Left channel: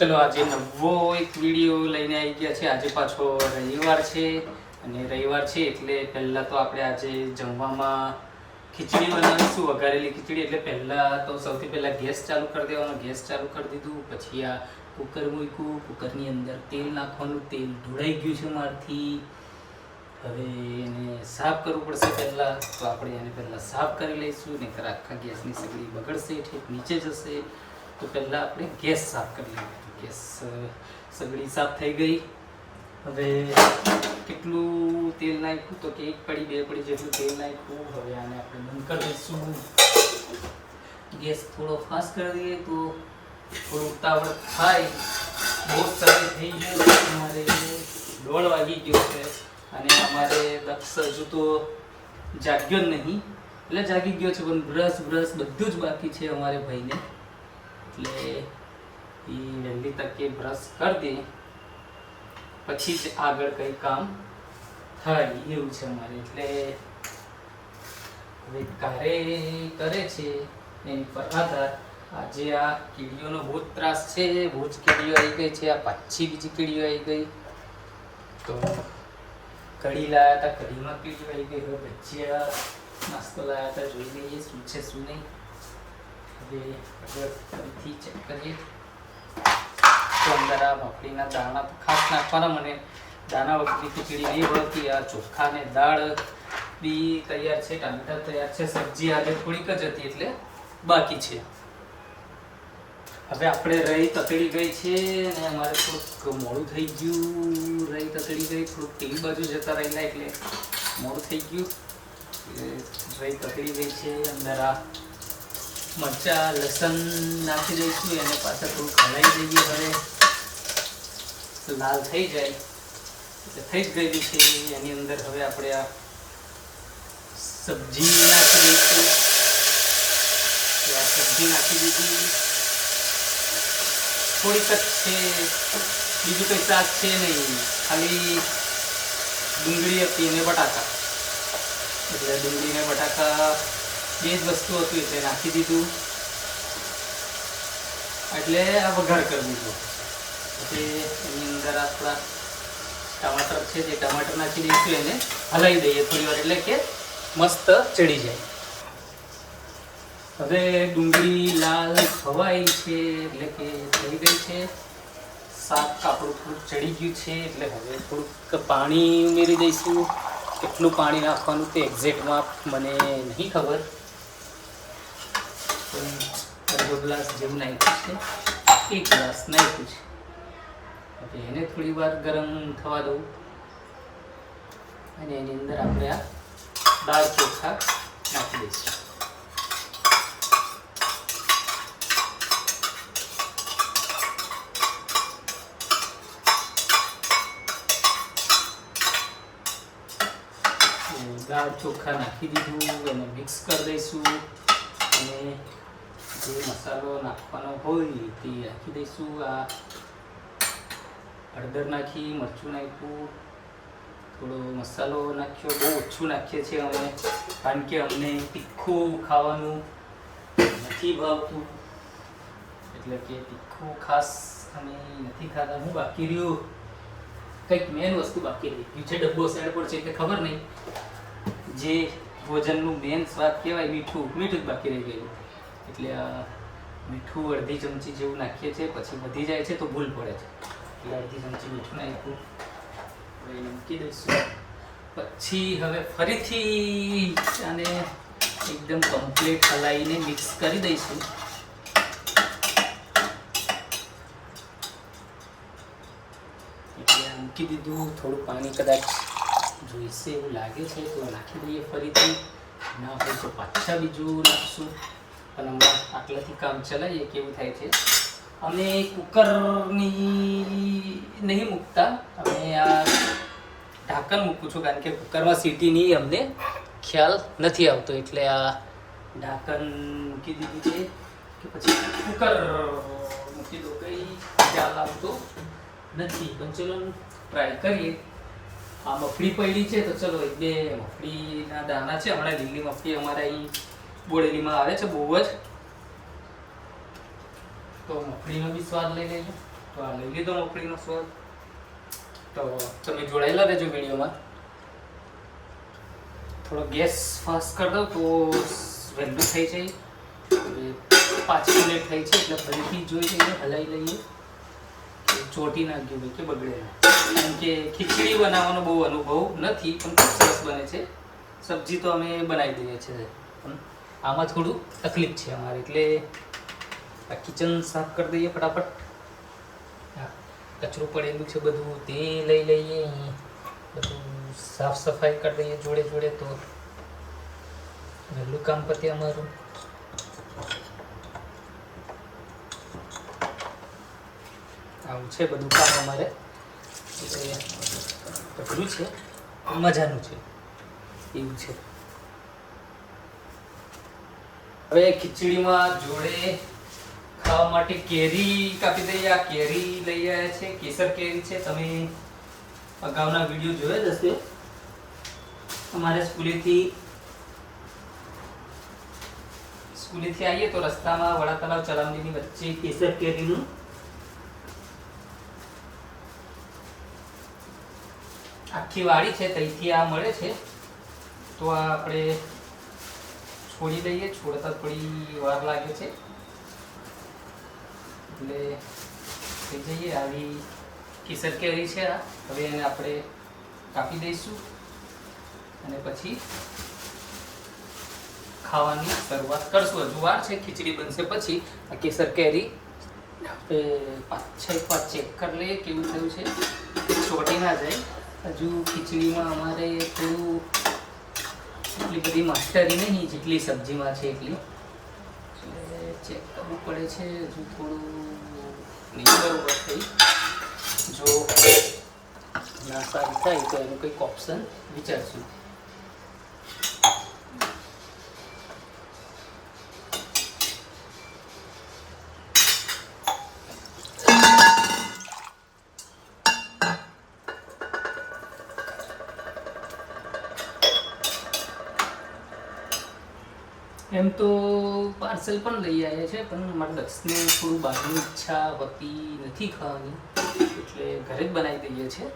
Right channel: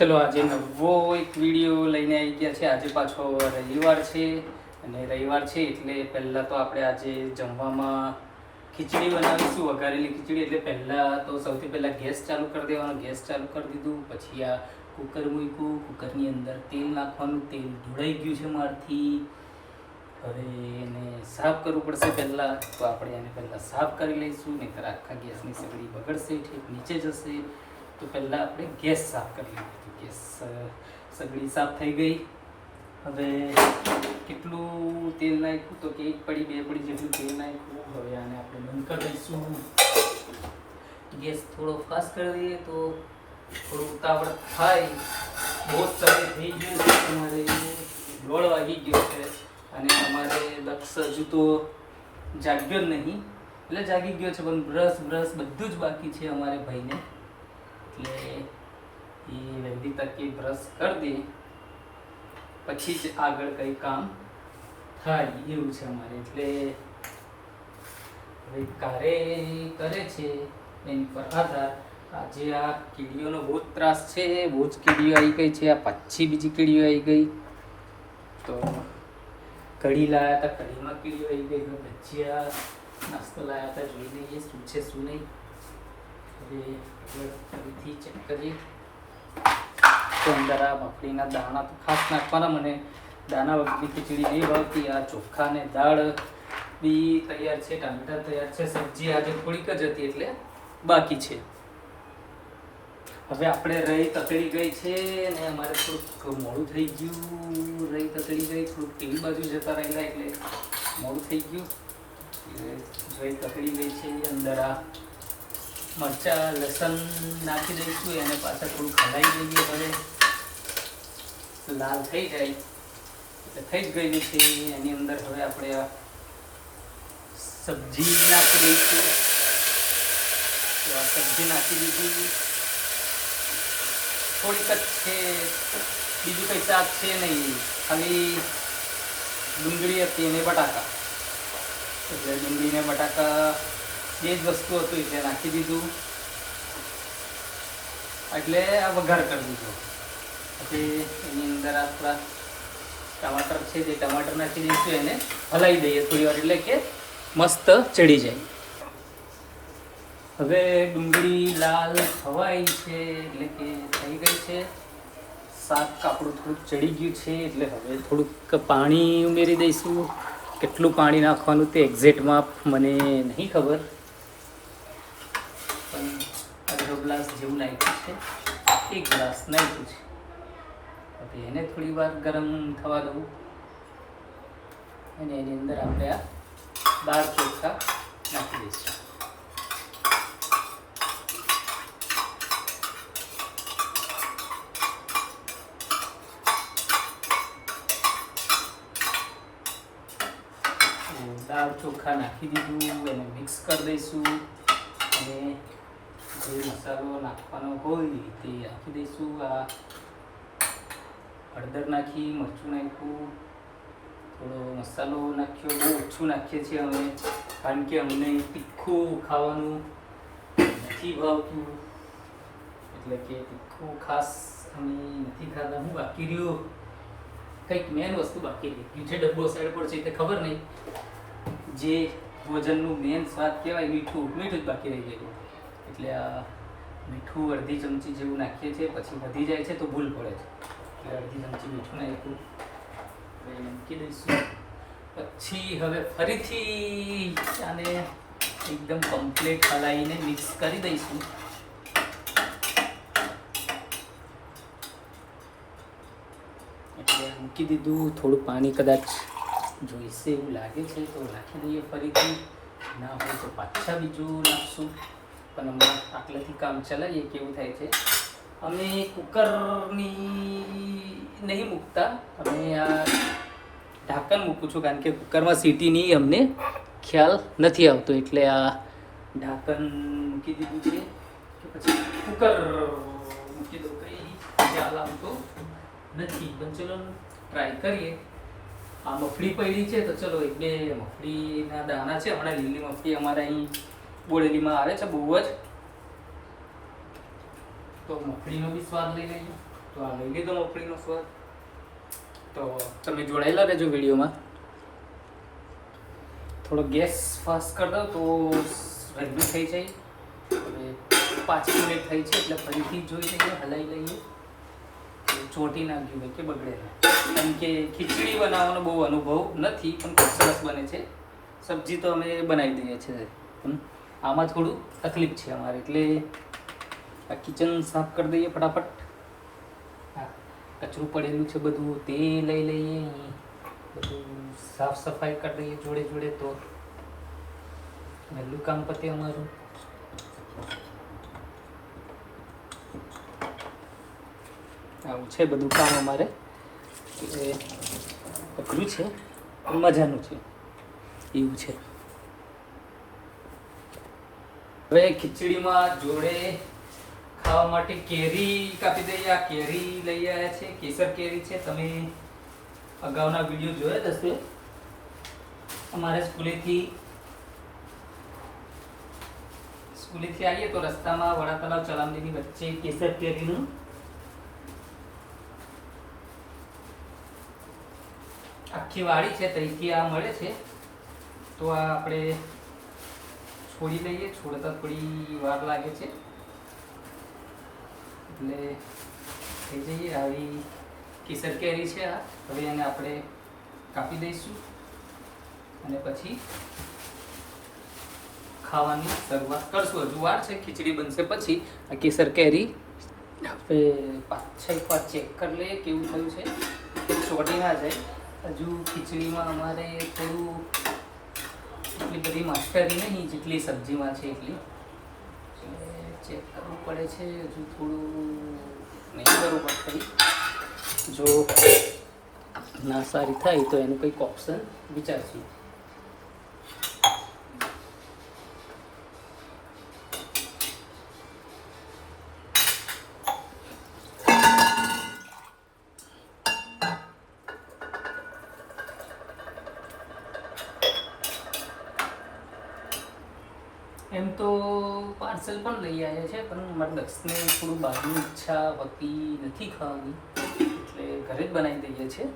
ચલો આજે નવો એક વિડીયો લઈને આવી ગયા છે। આજે પાછો રવિવાર છે અને રવિવાર છે એટલે પહેલાં તો આપણે આજે જમવામાં ખીચડી બનાવીશું, વઘારેલી ખીચડી। એટલે પહેલાં તો સૌથી પહેલાં ગેસ ચાલુ કરી દેવાનો। ગેસ ચાલુ કરી દીધું, પછી આ કુકર મૂક્યું, કુકરની અંદર તેલ નાખવાનું। તેલ ઢોળાઈ ગયું છે મારથી, હવે એને સાફ કરવું પડશે પહેલાં। તો આપણે એને પહેલાં સાફ કરી લઈશું, નહીંતર આખા ગેસની સગડી બગડશે, ઠેક નીચે જશે। તો પહેલાં આપણે ગેસ સાફ કરી લઈએ। ગેસ સગડી સાફ થઈ ગઈ। હવે કેટલું તેલ નાખ્યું તો કે 1 પડી 2 પડી જેટલું તેલ નાખ્યું। હવે આને આપણે બંધ કરી દઈશું। ગેસ થોડો ફાસ્ટ કરી દઈએ તો થોડું ઉતાવળ થાય। બહુ સમય થઈ ગયો છે, અમારે 1:30 વાગી ગયો છે અને અમારે દક્ષ હજુ તો જાગ્યો જ નહીં, એટલે જાગી ગયો છે પણ બ્રશ બધું જ બાકી છે અમારે ભાઈને। એટલે એ વહેલી તકે બ્રશ કરી દે પછી જ આગળ કંઈ કામ થાય એવું છે અમારે। એટલે હવે કારે કરે છે એની પર આધાર। આજે આ કીડીઓનો બહુ જ ત્રાસ છે, બહુ જ કીડીઓ આવી ગઈ છે। આ પાછી બીજી કીડીઓ આવી ગઈ, તો કઢી લાયા હતા, કઢીમાં કીડીઓ આવી ગઈ। હવે ભજીયા નાસ્તો લાયા હતા, જોઈ લઈએ શું છે શું નહીં। હવે આગળ ફરીથી ચેક કરીએ તો અંદર આ મગફળીના દાણા તો ખાસ નાખવાના। મને દાણા વગરની ખીચડી નહીં ભાવતી। આ ચોખા ને દાળ બી તૈયાર છે, ટામેટા તૈયાર છે, સબ્જી આજે થોડીક જ હતી એટલે બાકી છે। હવે આપણે રહી તતડી ગઈ છે અને અમારે થોડુંક મોડું થઈ ગયું। રહી તતડી ગઈ, થોડુંક ટીવી બાજુ જતા રહેલા એટલે મોડું થઈ ગયું। રહી તતડી ગઈ છે, અંદર આ મરચાં લસણ નાખી દઈશું, એને પાછા થોડું હલાવી દઈએ। હવે લાલ થઈ જાય એટલે થઈ જ ગયેલી છે। એની અંદર હવે આપણે આ સબ્જી નાખી દઈશું। આ સબ્જી નાખી દીધી, થોડીક જ છે, બીજું કંઈ શાક છે નહીં, ખાલી ડુંગળી હતી અને બટાકા। એટલે ડુંગળી ને બટાકા બે જ વસ્તુ હતું એટલે નાખી દીધું, એટલે આ વઘાર કરી દીધો। પછી એની અંદર આપણા ટમાટર છે તે ટમાટર નાખી દઈશું, એને હલાવી દઈએ થોડી વાર એટલે કે મસ્ત ચડી જાય। હવે ડુંગળી લાલ ખવાઈ છે એટલે કે થઈ ગઈ છે। શાક આપણું થોડુંક ચડી ગયું છે એટલે હવે થોડુંક પાણી ઉમેરી દઈશું। કેટલું પાણી નાખવાનું તે એક્ઝેક્ટમાં મને નહીં ખબર, પણ અડધો ગ્લાસ જેવું નાખ્યું છે, 1 ગ્લાસ નાખ્યું છે। હવે એને થોડી વાર ગરમ થવા દઉં અને એની અંદર આપણે આ દાળ ચોખા નાખી દઈશું। દાળ ચોખા નાખી દીધું, એને મિક્સ કરી દઈશું અને જે મસાલો નાખવાનો હોય તે નાખી દઈશું। આ હળદર નાખી, મરચું નાખ્યું, થોડો મસાલો નાખ્યો, બહુ ઓછું નાખીએ છીએ અમે, કારણ કે અમને તીખું ખાવાનું નથી ભાવતું, એટલે કે તીખું ખાસ અમે નથી ખાતા। હું બાકી રહ્યું કંઈક મેન વસ્તુ બાકી રહી ગયું છે, ડબ્બો સાઈડ પર છે એટલે ખબર નહીં, જે ભોજનનું મેન સ્વાદ કહેવાય મીઠું જ બાકી રહી ગયું। એટલે આ મીઠું અડધી ચમચી જેવું નાખીએ છીએ, પછી વધી જાય છે તો ભૂલ પડે છે, એટલે અડધી ચમચી મીઠું નાખ્યું, મૂકી દઈશું। પછી હવે ફરીથી આને એકદમ કમ્પ્લીટ હલાવીને મિક્સ કરી દઈશું। એટલે મૂકી દીધું, થોડું પાણી કદાચ જોઈશે એવું લાગે છે તો નાખી દઈએ ફરીથી, ના હોય તો પાછા બીજું નાખશું, પણ હમણાં આટલાથી કામ ચલાવીએ કેવું થાય છે। અમે કુકરની નહીં મૂકતા, અમે આ ઢાંકણ મૂકું છું, કારણ કે કુકરમાં સીટીની અમને ખ્યાલ નથી આવતો, એટલે આ ઢાંકણ મૂકી દીધું છે કે પછી કુકર મૂકી દો, કંઈ ખ્યાલ આવતો નથી। પણ ચલો ટ્રાય કરીએ। આ મગફળી પડી છે તો ચલો 1-2 મગફળીના દાણા છે, હમણાં લીલી મગફળી અમારે અહીં બોડેલીમાં આવે છે બહુ જ, તો મગફળીનો બી સ્વાદ લઈ લઈએ। તો આ લઈ લીધો મગફળીનો સ્વાદ. તો તમે જોડાયેલા રહેજો વિડીયોમાં. થોડો ગેસ ફાસ્ટ કરી દઉં તો વહેલું થઈ જાય. 5 મિનિટ થઈ છે એટલે ફરીથી જોઈ લઈએ, હલાવી લઈએ ચોટી ના ગયું હોય કે બગડે ના. કારણ કે ખીચડી બનાવવાનો બહુ અનુભવ નથી, પણ ખૂબ સરસ બને છે. સબ્જી તો અમે બનાવી દઈએ છીએ. આમાં થોડું તકલીફ છે અમારે, એટલે આ કિચન સાફ કરી દઈએ ફટાફટ. હા, કચરું પડેલું છે બધું તે લઈ લઈએ, બધું સાફ સફાઈ કરી દઈએ જોડે જોડે, તો વહેલું કામ પતે અમારું. આવું છે બધું કામ અમારે, એટલે અઘરું છે પણ મજાનું છે એવું છે. હવે ખીચડીમાં જોડે ખાવા માટે કેરી કાપી દઈએ. આ કેરી લઈ આવ્યા છે, કેસર કેરી છે. તમે અગાઉના વિડીયો જોયા જ હશે. અમારે સ્કૂલેથી આવીએ તો રસ્તામાં વડા તલાવ ચલામડીની વચ્ચે કેસર કેરીનું આખી વાડી છે, ત્યાંથી આ મળે છે. તો આ આપણે છોડી લઈએ. છોડતા થોડી વાર લાગે છે, એટલે થઈ જઈએ. આવી કેસર કેરી છે. હવે એને આપણે કાપી દઈશું અને પછી ખાવાની શરૂઆત કરશું. હજુ વાર છે, ખીચડી બનશે પછી. કેસર કેરી પાછળ ચેક કરી લઈએ કેવું થયું છે, ચોટી ના જાય. હજુ ખીચડીમાં અમારે થોડું એટલી બધી માસ્ટરી નહીં જેટલી સબ્જીમાં છે એટલી, એટલે ચેક કરવું પડે છે. હજુ થોડું નહીં બરોબર થઈ. જો ના સારી થાય તો એનું કંઈક ઓપ્શન વિચારશું. એમ તો પાર્સલ પણ લઈ આવ્યા છે, પણ મારા દક્ષને થોડું બહારની ઈચ્છા હોતી નથી ખાવાની, એટલે ઘરે જ બનાવી દઈએ છીએ.